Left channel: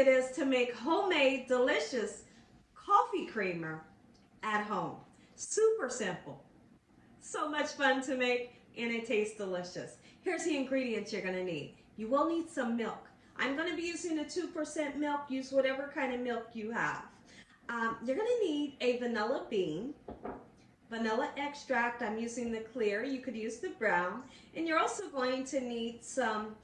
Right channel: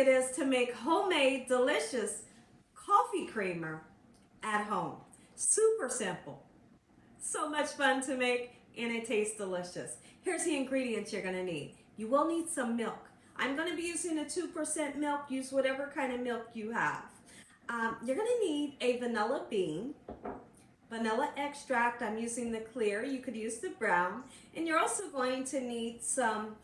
it is to make homemade, delicious coffee creamer at home. Super simple. So much fun to make, and it tastes delicious. Here's the ingredients you're gonna need. You will need some milk. I'm gonna be using a 2% milk. Use whatever kind of milk you have. You're gonna need a vanilla bean, vanilla extract. I'm using the clear. You could use the brown. And you're also going to need some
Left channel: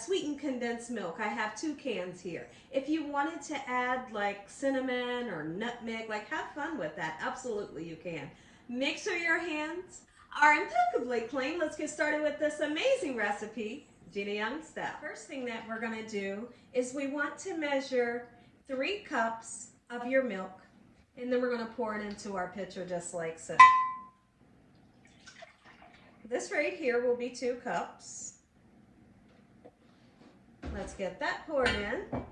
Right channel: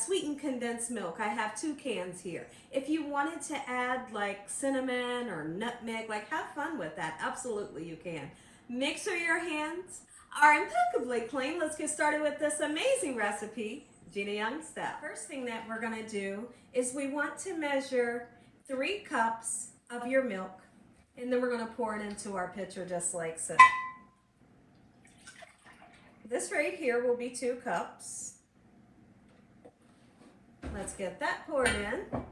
sweetened condensed milk. I have 2 cans here. If you wanted to add like cinnamon or nutmeg, like have fun with that, absolutely you can. Make sure your hands are impeccably clean. Let's get started with this amazing recipe, Gina Young style. First thing that we're gonna do is we want to measure 3 cups of your milk, and then we're gonna pour it into our pitcher just like so. This right here will be 2 cups. Let's get that poured in.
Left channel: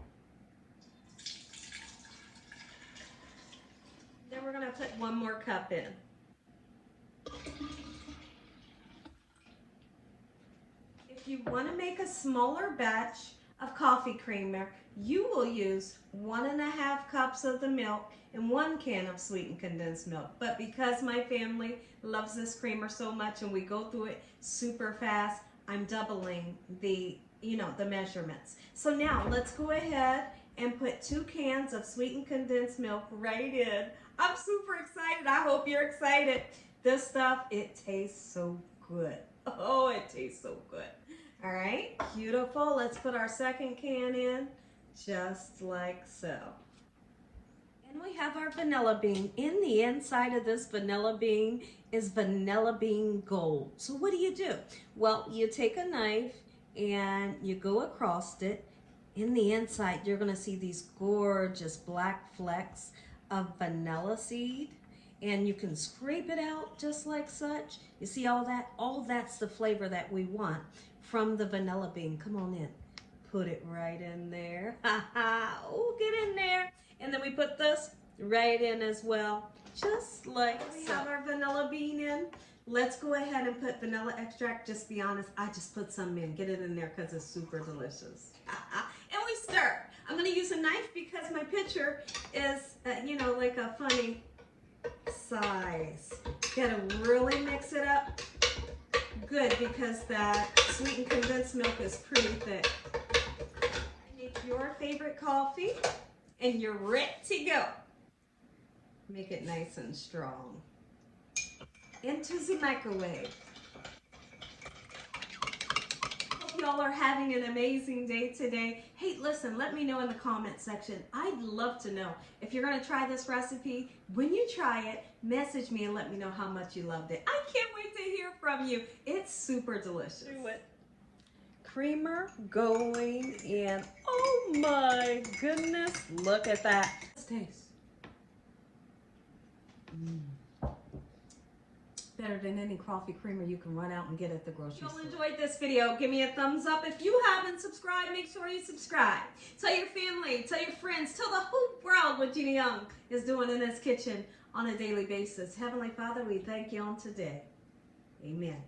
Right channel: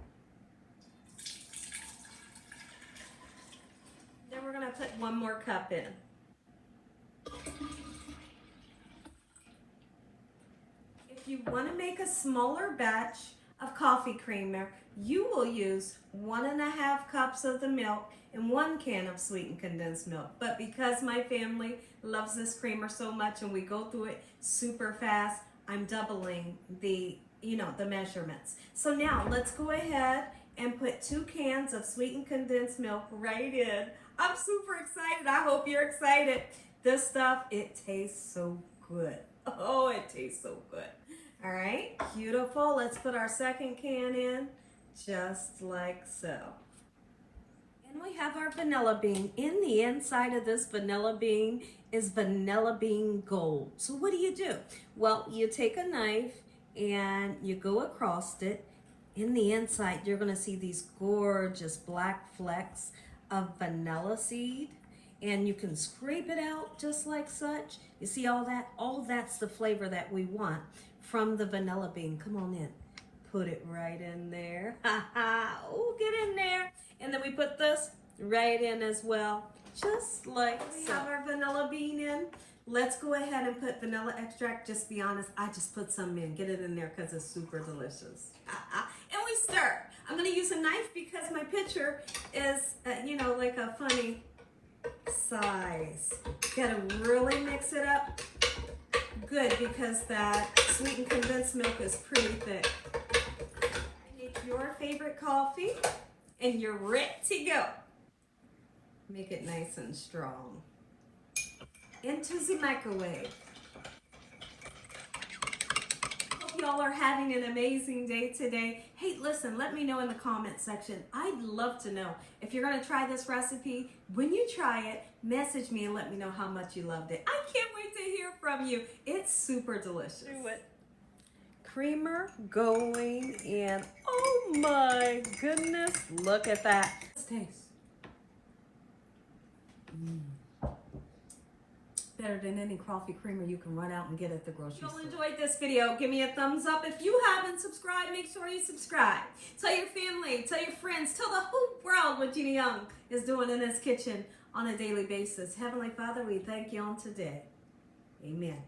Then we're gonna put 1 more cup in. If you wanna make a smaller batch of coffee creamer, you will use 1.5 cups of the milk and 1 can of sweetened condensed milk. But because my family loves this creamer so much and we go through it super fast, I'm doubling the measurements. So now let's go ahead and put 2 cans of sweetened condensed milk right in. I'm super excited. I hope you're excited. This stuff, it tastes so good. Oh, it tastes so good. All right, beautiful. Let's put our 2nd can in, just like so. And we have our vanilla bean. In the inside of this vanilla bean is vanilla bean gold. So what do? Well, you take a knife and you go across it. In the inside, you're gonna see these gorgeous black flecks of vanilla seed, and you can scrape it out just like such. You see all that? All that's the flavor that we want from the vanilla bean. Come on in. Put it right in there. Oh, get in there. And then we put this right in as well, just like so. We have our vanilla bean in. Let's go ahead and put vanilla extract. Just be honest, I just put some in. Get it in there because it's super delicious. And we stir. I'm going to use a knife because my pitcher is, like a funny size. Got to really mix it up good because that sweetened condensed milk is pretty thick. Make your favorite coffee and you're ready to go. Make it nice and strong. Into the microwave. Hope y'all are having an amazing day today. Hey, listen, let me know in the comment section. I'd love to know if you're gonna try this recipe. When you try it, message me and let me know how much you loved it. I can't wait to hear from you. It's super delicious. Creamer going in. Oh my goodness, look at that. Let's taste. Better than any coffee creamer you can run out and get at the grocery store. If you enjoyed this video, give me a thumbs up. If you haven't subscribed, make sure you subscribe. Tell your family, tell your friends, tell the whole world what Gina Young is doing in this kitchen on a daily basis. Heavenly Father, we thank you on today. Amen.